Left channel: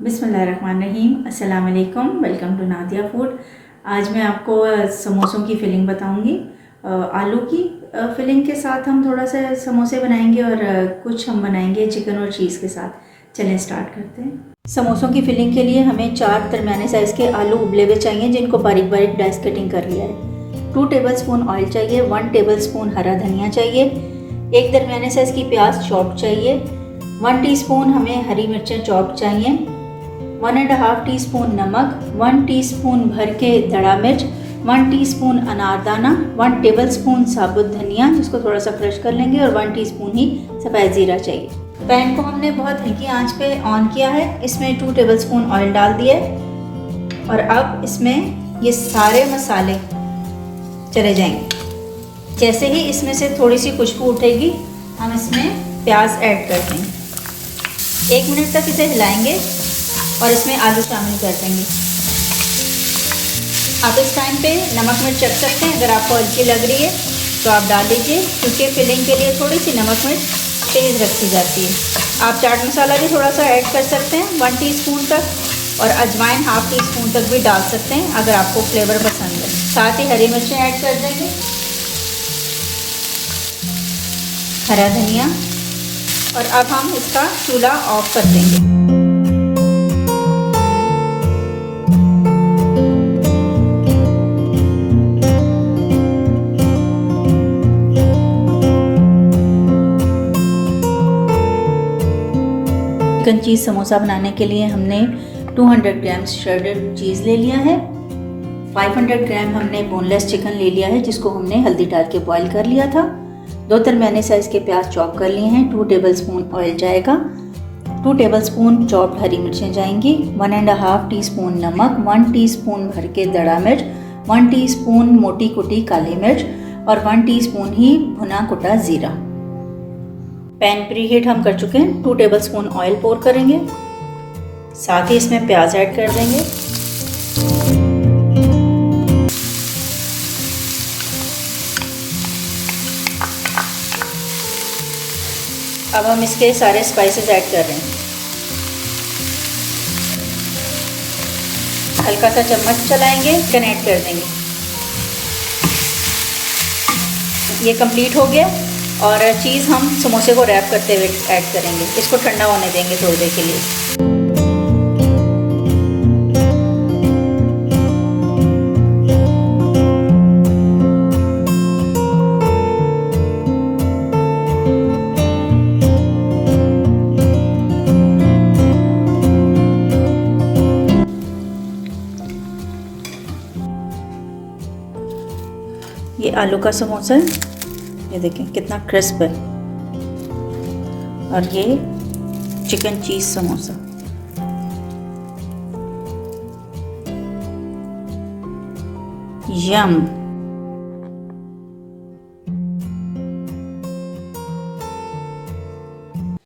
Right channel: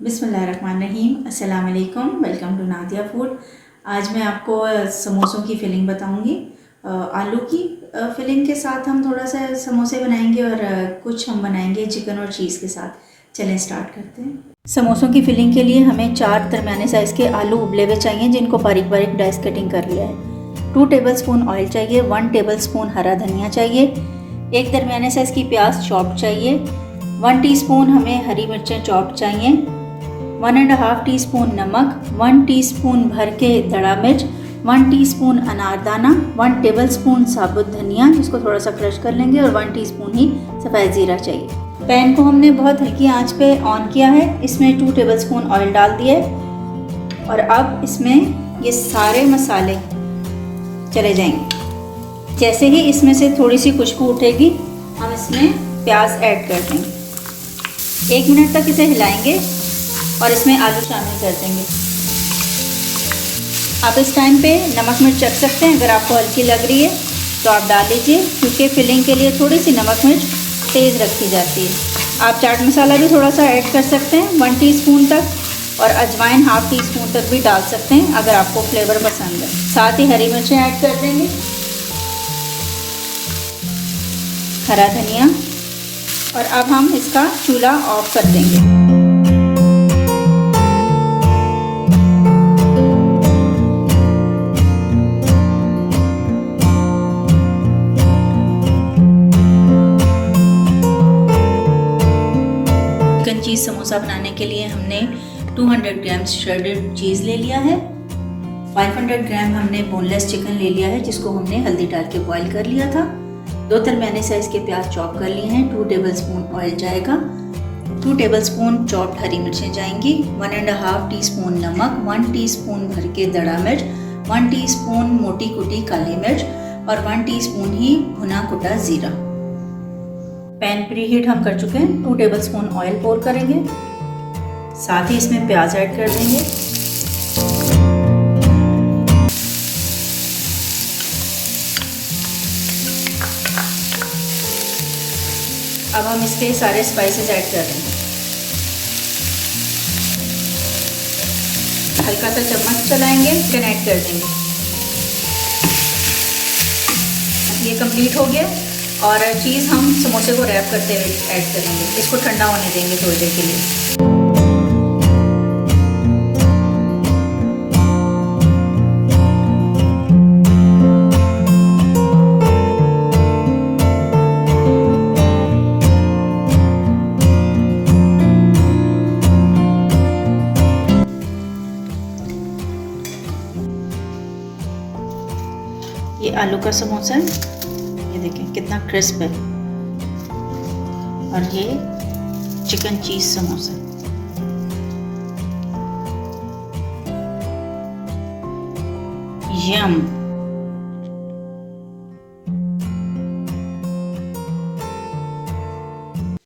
बिस्मिल्लाहिर्रहमानिर्रहीम, अस्सलाम वालेकुम। Welcome to Nadia food. आज मैं आपको समोसों की फिलिंग बताऊंगी। आलू की फिलिंग के साथ हम थोड़ा सा समोसे बनाएंगे और कुछ हम बनाएंगे चिकन और चीज़ के साथ। चलें स्टार्ट करते हैं। समोसों की फिलिंग के लिए हमें 4 दरमियाने साइज़ के आलू उबले हुए चाहिए, जिनको बारीक बारीक डाइस कटिंग कर लिया है। 2 टेबलस्पून ऑयल चाहिए, 1 टेबलस्पून हरा धनिया चाहिए, 1 दरमियाने साइज़ की प्याज चॉप्ड चाहिए, 1 टीस्पून हमें हरी मिर्चें चॉप्ड चाहिए, 1.5 टीस्पून नमक, 1 टीस्पून भर के दड़ा मिर्च, 1 टीस्पून अनारदाना, 1 टेबलस्पून साबुत धनिया जिसको थोड़ा सा क्रश कर लेंगे, और 1 टीस्पून ही सफ़ेद ज़ीरा चाहिए। पैन को हमने बहुत हल्की आंच पे ऑन किया है। इसमें 2 टेबलस्पून ऑयल डाल दिया है और अब इसमें ये सारे मसाले चले जाएंगे। जैसे ही इसमें से थोड़ी सी खुशबू उठेगी हम इसमें प्याज ऐड कर देंगे। 1 मिनट तक इसे हिलाएंगे और इसमें आलू शामिल कर देंगे। आप इस टाइम पे नमक मिर्च चख सकते हैं, अगर आपको हल्की लग रही है तो आप डाल लीजिए, क्योंकि फिलिंग के लिए थोड़ी सी नमक मिर्च तेज़ रखी जाती है। आप चाट मसाला भी थोड़ा सा ऐड कर सकते हैं 1 टीस्पून तक, और अजवाइन 1/2 टीस्पून तक भी डाल सकते हैं अगर आपको फ्लेवर पसंद है। साथ ही हरी मिर्चें ऐड कर देंगे, हरा धनिया, और अब हम इसका चूल्हा ऑफ कर देंगे। चिकन चीज़ समोसा बनाने के लिए हमने 200 ग्राम श्रेडेड चीज़ ले लिया है, 500 ग्राम हमने बोनलेस चिकन ले लिया है जिसको हमने हल्दी डाल के बॉईल कर लिया था, 2 दरमियाने साइज़ के प्याज चॉप कर लिए हैं, 2 टेबलस्पून ऑयल जाएगा, 2 टेबलस्पून चॉप्ड हरी मिर्चें जाएंगी, 1.5 टीस्पून नमक, 1 टीस्पून भर के दड़ा मिर्च, 1 टीस्पून मोटी कुटी काली मिर्च, और 1 टीस्पून ही भुना कुटा ज़ीरा। पैन प्रीहीट हम कर चुके हैं। 2 टेबलस्पून ऑयल पोर करेंगे, साथ ही इसमें प्याज ऐड कर देंगे। अब हम इसके सारे स्पाइसेस ऐड कर रहे हैं। हल्का सा चम्मच चलाएंगे, चिकन ऐड कर देंगे। ये कंप्लीट हो गया, और चीज़ हम समोसे को रैप करते हुए ऐड करेंगे। इसको ठंडा होने देंगे थोड़ी देर के लिए। ये आलू का समोसा है, ये देखें कितना क्रिस्प है, और ये चिकन चीज़ समोसा। यम।